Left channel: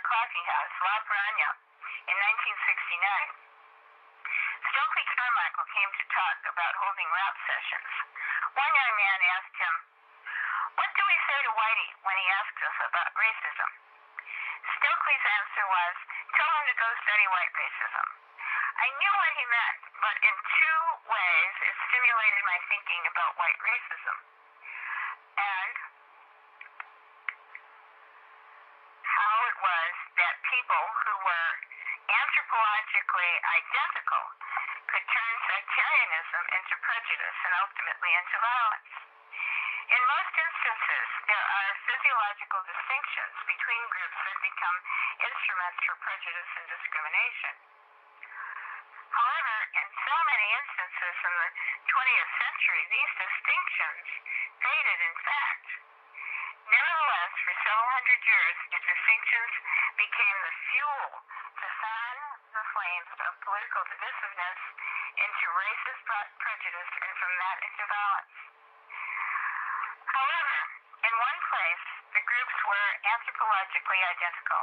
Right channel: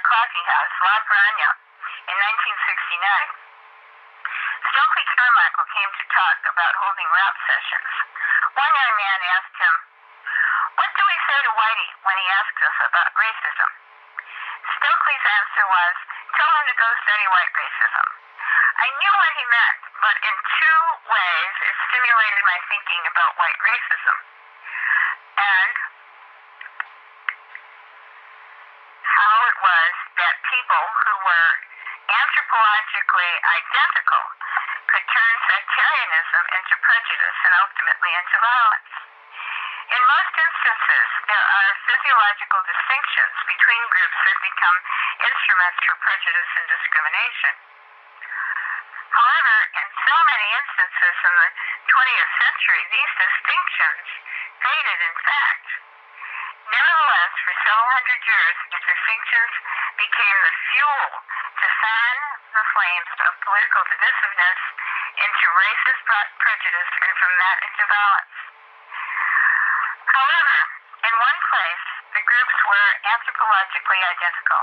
our coffee house, La Piranha, in 1969. Stokely Carmichael came to talk about holding rap sessions. One young man asked him, "What do we say to Whitey when he asks us about racism?" Stokely's answer was, "Tell him to go study white racism." I knew what he meant, but in two ways it stimulated my thinking about white racism. And how it was that people who were anthropologically identical could turn sectarianism into prejudice and ultimately into violence. In most instances, there are physiological distinctions between groups that become instruments for prejudice and discrimination. However, in so many instances in the 20th century, these distinctions faded in fact. Nevertheless, for several hundred years, these distinctions became the fuel to fan the flames of political divisiveness into racist prejudice and from that into violence. However, in one place, the groups were anthropologically identical.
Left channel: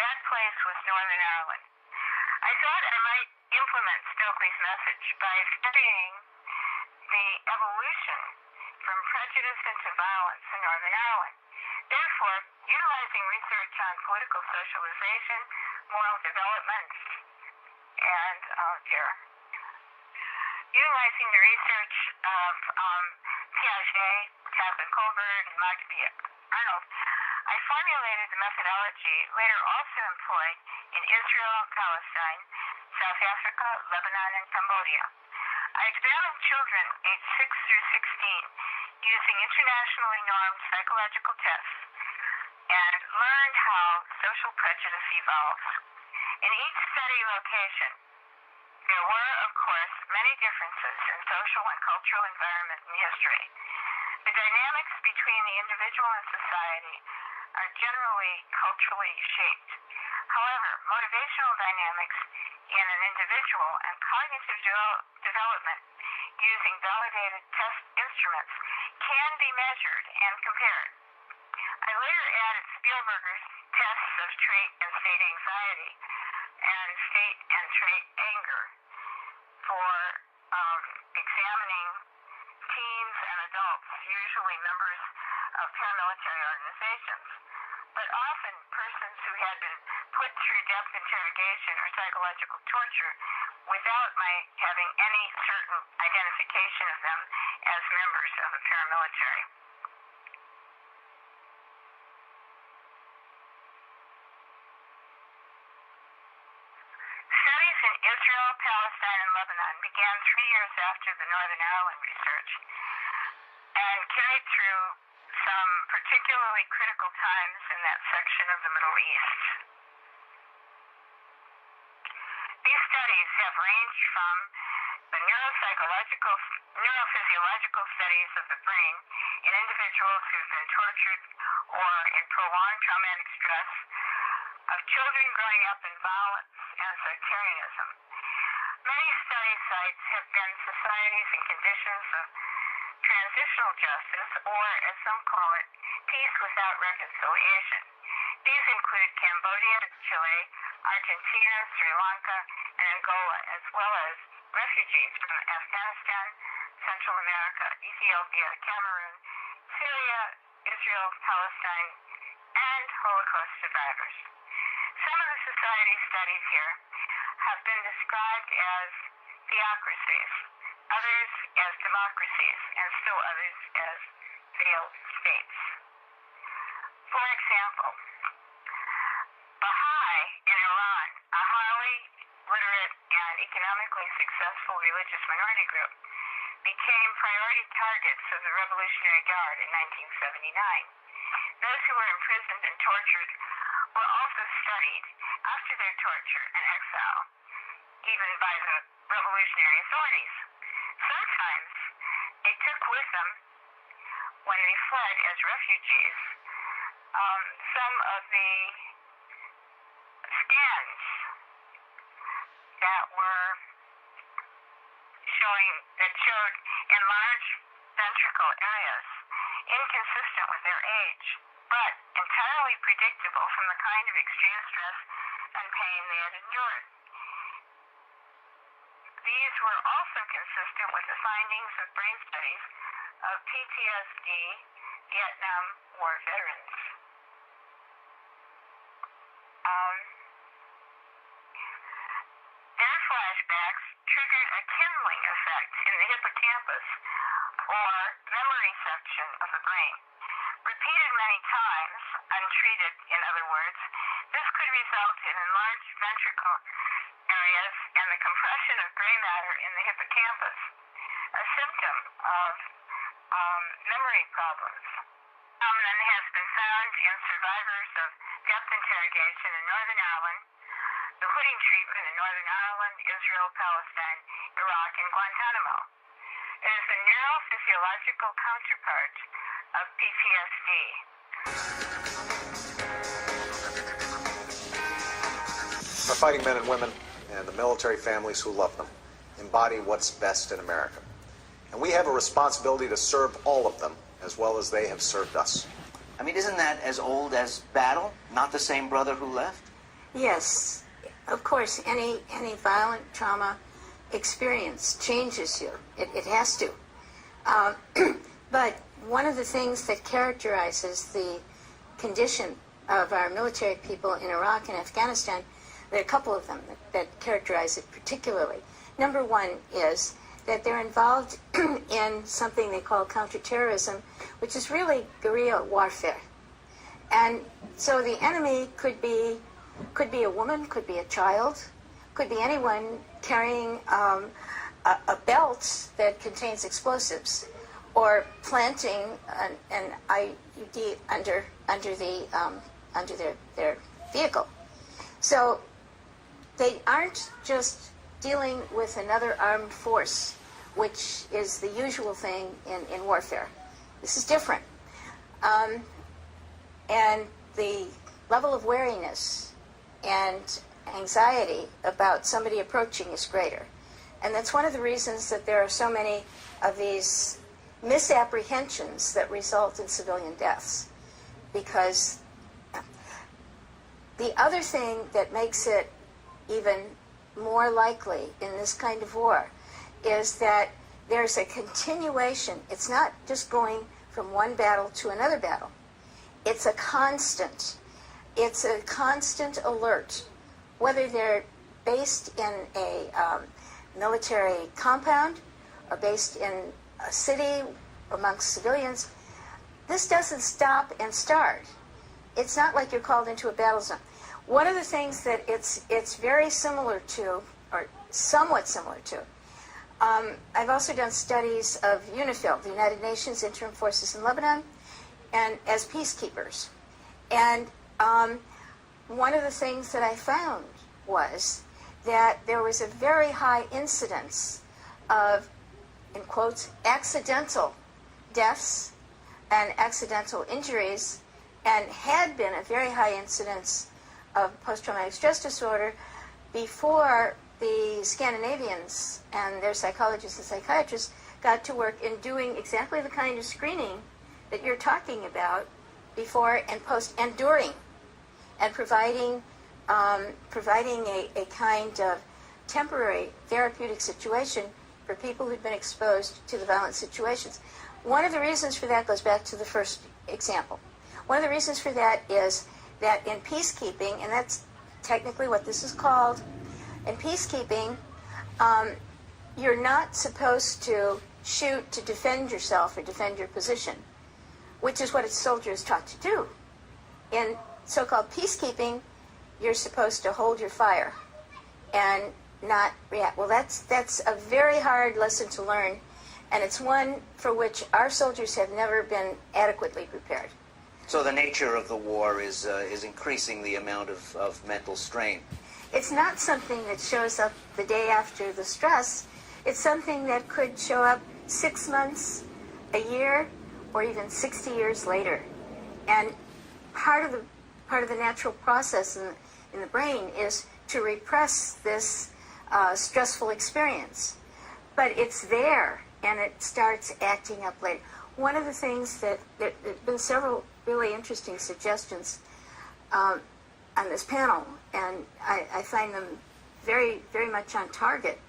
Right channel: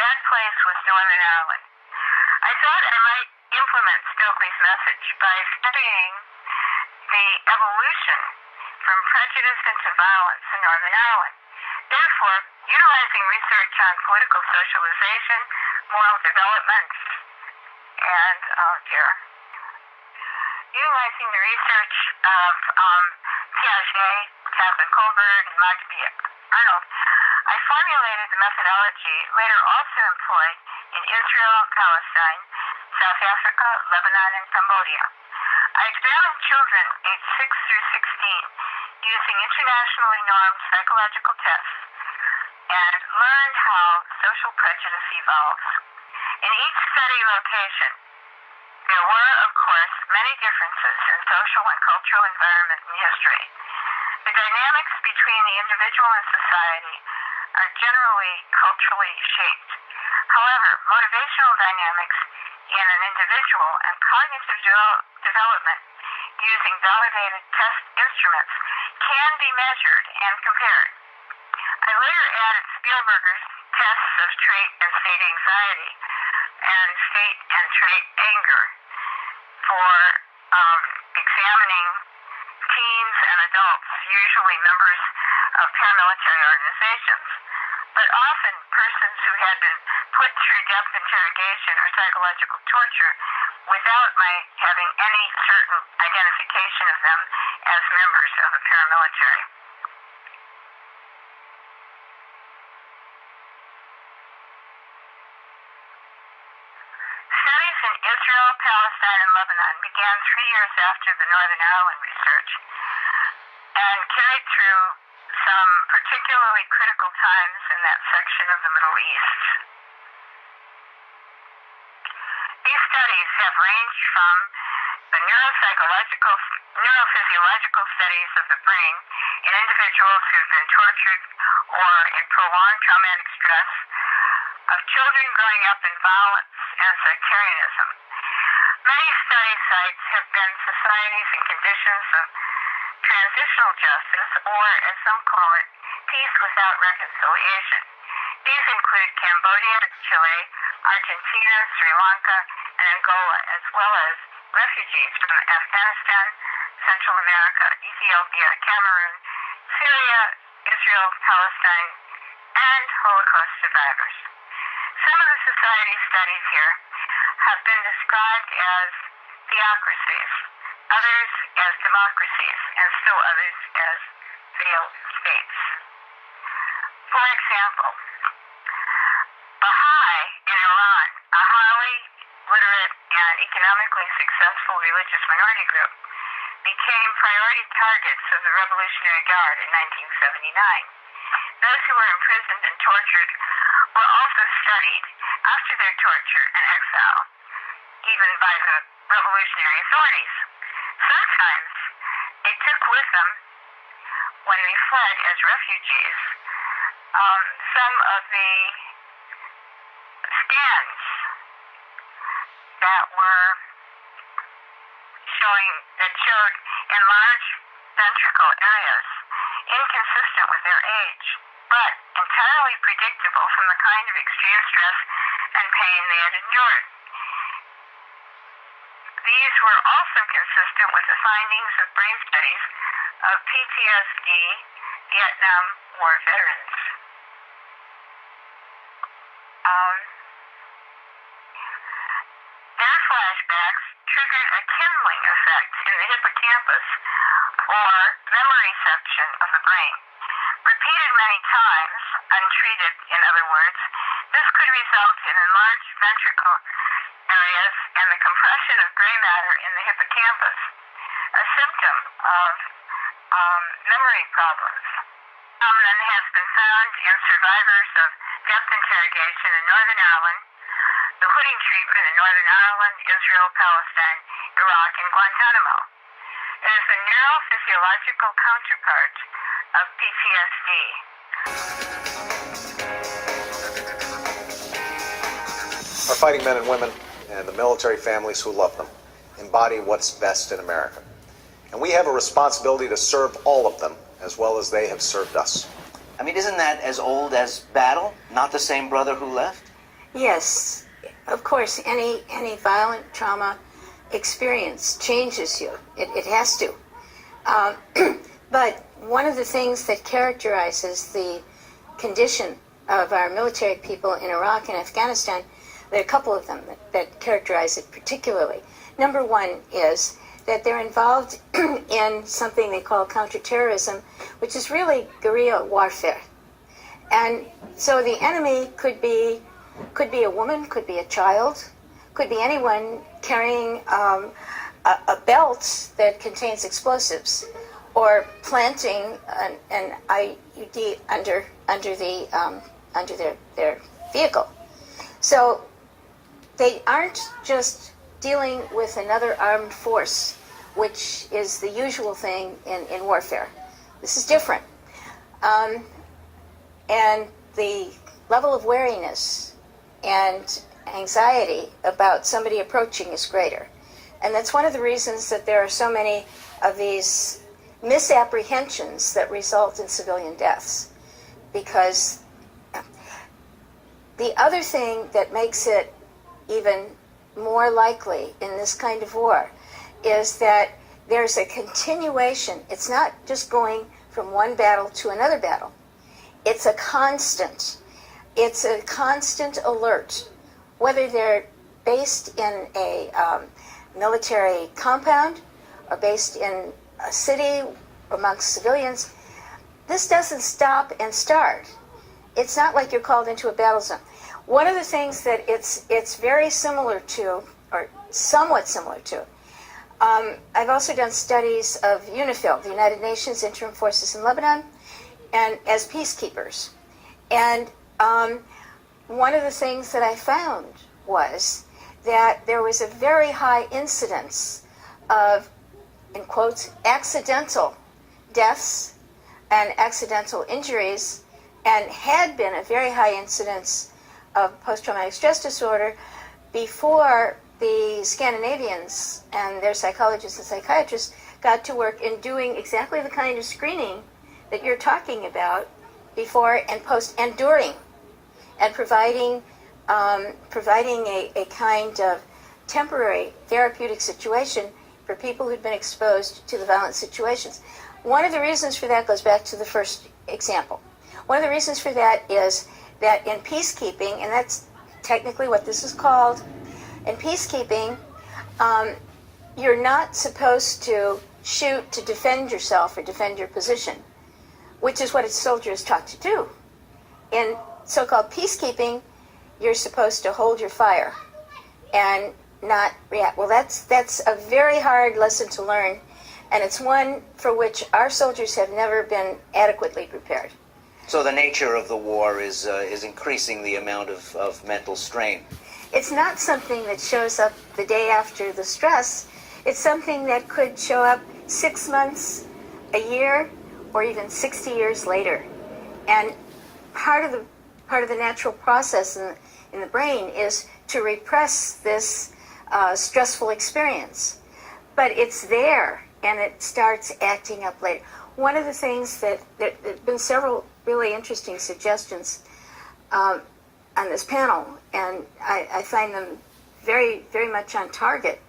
That place was Northern Ireland. I thought I might implement Stokely's message by studying the evolution from prejudice into violence in Northern Ireland. Therefore, utilizing research on political socialization, moral development, and, utilizing the research of Piaget, Catherine Colbert, and Magda B. Arnold, I formulated the methodology later also employed in Israel, Palestine, South Africa, Lebanon, and Cambodia. I examined children aged 6 through 16 using internationally normed psychological tests and learned how social prejudice evolves. In each study location, there were, of course, many differences in social and cultural environment and history. The dynamics between the individual and society are generally culturally shaped. However, motivational dynamics in an individual and cognitive development using validated test instruments can be measured and compared. I later added Spielberger's tests of trait and state anxiety and state and trait anger for examining teens and adults, usually members of paramilitary organizations, but often persons who had been put through depth interrogation or psychological torture without my having any certain identification of them as members of the paramilitary. Studies in Israel, Palestine, and Lebanon began 3 years after the Northern Ireland research and carried through some particularly critical times in that section of the Middle East. These studies have ranged from the neurophysiological studies of the brain in individuals who've been tortured or in prolonged traumatic stress, of children growing up in violence and sectarianism. Many study sites have been societies and conditions of transitional justice, or as some call it, peace without reconciliation. These include Cambodia, Chile, Argentina, Sri Lanka, and Angola, as well as refugees from Afghanistan, Central America, Ethiopia, Cameroon, Syria, Israel, Palestine, and Holocaust survivors. Some of the society studies here have been described as theocracies, others as democracies, and still others as failed states. For example, Baha'i in Iran, a highly literate and economically successful religious minority group, became priority targets of the Revolutionary Guard in 1979. Those who were imprisoned and tortured were also studied after their torture and exile, even by the revolutionary authorities. Sometimes they took with them, when they fled as refugees, some of the scans that showed enlarged ventricle areas inconsistent with their age. but entirely predictable from the kind of extreme stress and pain they had endured. These were also consistent with the findings of brain studies of PTSD Vietnam War veterans. Their flashbacks triggered a kindling effect in the hippocampus, or memory section of the brain. Repeated many times, untreated in other words, this could result in enlarged ventricle areas and the compression of gray matter in the hippocampus, a symptom of memory problems. Phenomenon has been found in survivors of death interrogation in Northern Ireland, the hooding treatment in Northern Ireland, Israel, Palestine, Iraq, and Guantanamo. It is the neurophysiological counterpart of PTSD. Our fighting men and women and the military families who love them embody what's best in America. And we have a responsibility to serve all of them as well as they have served us. I mean, isn't that as old as battle? Not the same brother who left? Yes. Of course, any violent trauma experience changes you. It has to. But one of the things that characterizes the condition of our military people in Iraq and Afghanistan, there are a couple of them that characterize it particularly. Number one is that they're involved in something they call counterterrorism, which is really guerrilla warfare. And so the enemy could be a woman, could be a child, could be anyone carrying a belt that contains explosives, or planting an IUD under their vehicle. So they aren't just dealing with another armed force, which is the usual thing in warfare. This is different. And the level of wariness and anxiety about somebody approaching is greater. And that's one of the reasons that there are so many of these misapprehensions that result in civilian deaths. Because the other thing that makes it even more likely in this kind of war is that there's a continuation. It's not just going from one battle to another battle. It's a constant. It's a constant alert, whether they're based in a military compound or based in a city amongst civilians. This doesn't stop and start. It's not like you're called into a battle zone. One of the things that it's very similar to, or somewhat similar to, I've also done studies of UNIFIL, the United Nations Interim Forces in Lebanon, and as peacekeepers. And one of the things that I found was that there was a very high incidence of, in quotes, accidental deaths and accidental injuries, and had been a very high incidence of post-traumatic stress disorder before the Scandinavians and their psychologists and psychiatrists got to work in doing exactly the kind of screening that you're talking about before and post and during, and providing a kind of temporary therapeutic situation for people who'd been exposed to the violent situations. One of the reasons for that goes back to the first example. One of the reasons for that is that in peacekeeping, and that's technically what this is called, in peacekeeping, you're not supposed to shoot to defend yourself or defend your position, which is what a soldier is taught to do. In so-called peacekeeping, you're supposed to hold your fire and not react. Well, that's a very hard lesson to learn, and it's one for which our soldiers have never been adequately prepared. So the nature of the war is increasing the amount of mental strain. It's not something that shows up the day after the stress. It's something that could show up 6 months, a year, or even 60 years later. And part of the natural process in the brain is to repress this stressful experience. But it's there, and it starts acting up later. one of the things that there have been several really interesting suggestions on this panel, and I find them very, very much on target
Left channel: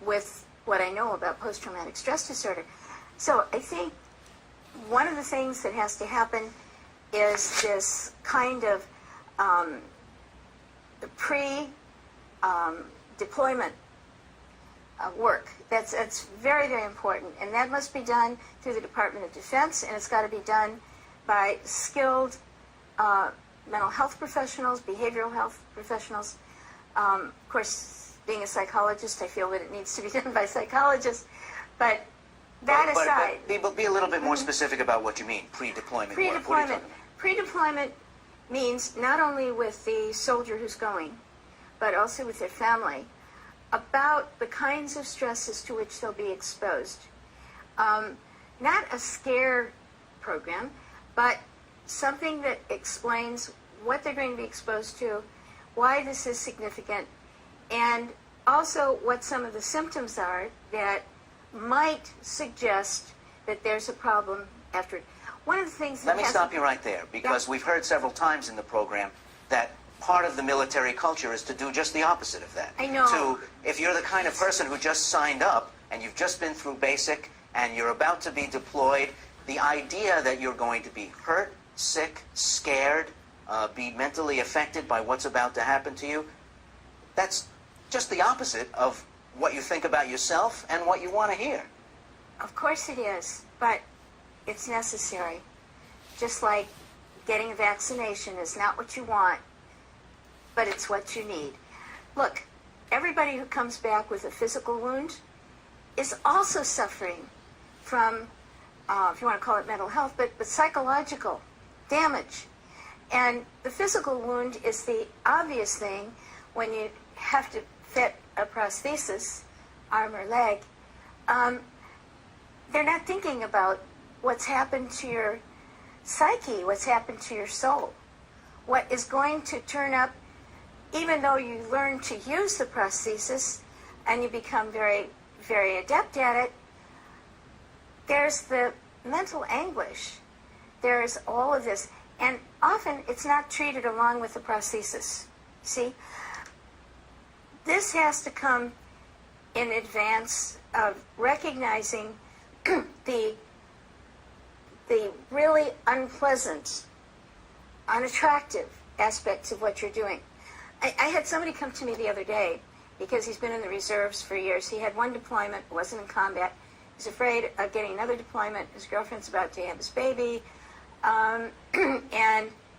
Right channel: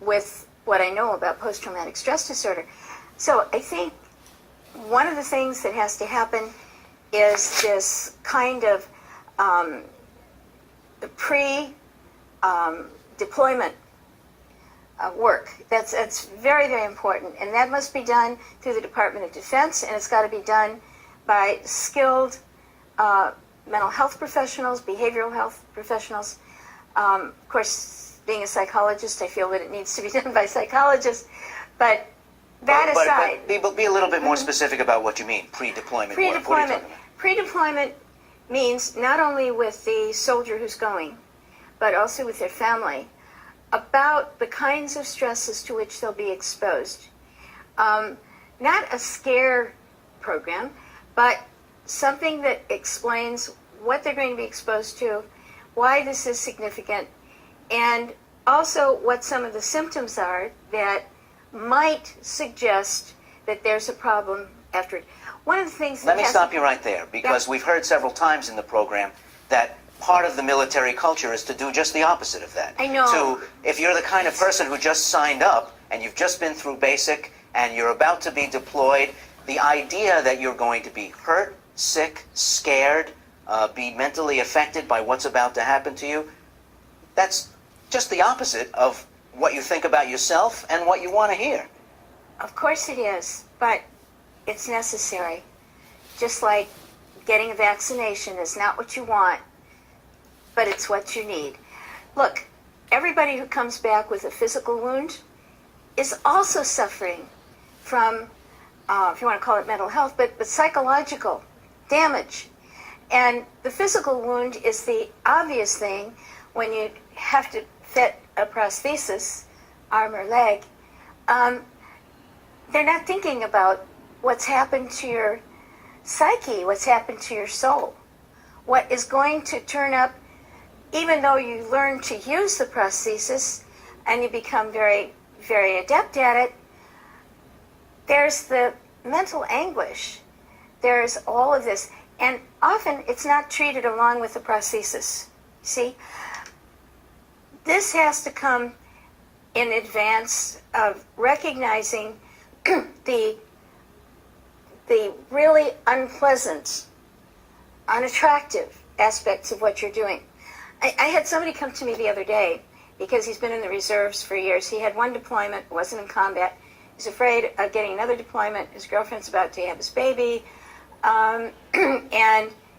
with what I know about post-traumatic stress disorder. So I think one of the things that has to happen is this kind of the pre-deployment work. That's very, very important, and that must be done through the Department of Defense, and it's got to be done by skilled mental health professionals, behavioral health professionals. Of course, being a psychologist, I feel that it needs to be done by psychologists, but that aside... But be a little bit more specific about what you mean, pre-deployment work. What are you talking about? Pre-deployment means not only with the soldier who's going, but also with their family, about the kinds of stresses to which they'll be exposed. Not a scare program, but something that explains what they're going to be exposed to, why this is significant, and also what some of the symptoms are that might suggest that there's a problem after it. One of the things that Let me stop you right there, because we've heard several times in the program that part of the military culture is to do just the opposite of that. I know. If you're the kind of person who just signed up and you've just been through basic and you're about to be deployed, the idea that you're going to be hurt, sick, scared, be mentally affected by what's about to happen to you, that's just the opposite of what you think about yourself and what you want to hear. Of course it is, but it's necessary. Just like getting a vaccination is not what you want, but it's what you need. Look, everybody who comes back with a physical wound is also suffering from, if you want to call it mental health, but psychological damage. And the physical wound is the obvious thing when you have to fit a prosthesis, arm or leg. They're not thinking about what's happened to your psyche, what's happened to your soul, what is going to turn up. Even though you learn to use the prosthesis and you become very, very adept at it, there's the mental anguish. There's all of this. And often it's not treated along with the prosthesis. See? This has to come in advance of recognizing the really unpleasant, unattractive aspects of what you're doing. I had somebody come to me the other day because he's been in the reserves for years. He had one deployment, wasn't in combat. He's afraid of getting another deployment. His girlfriend's about to have his baby. And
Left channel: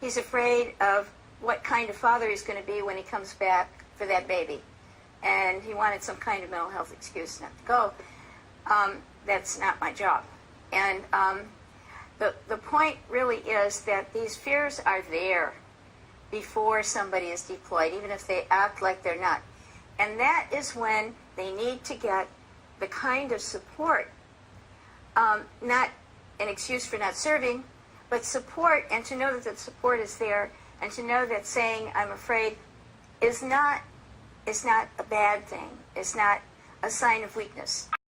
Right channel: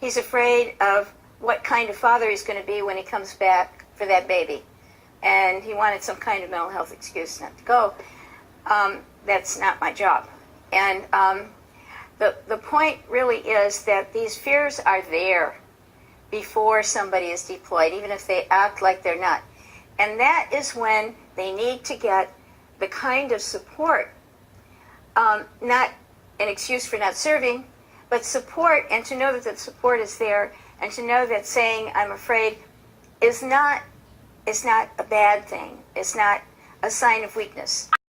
he's afraid of what kind of father he's going to be when he comes back for that baby. And he wanted some kind of mental health excuse not to go. That's not my job. And the point really is that these fears are there before somebody is deployed, even if they act like they're not. And that is when they need to get the kind of support, not an excuse for not serving, but support, and to know that the support is there, and to know that saying I'm afraid is not a bad thing. It's not a sign of weakness.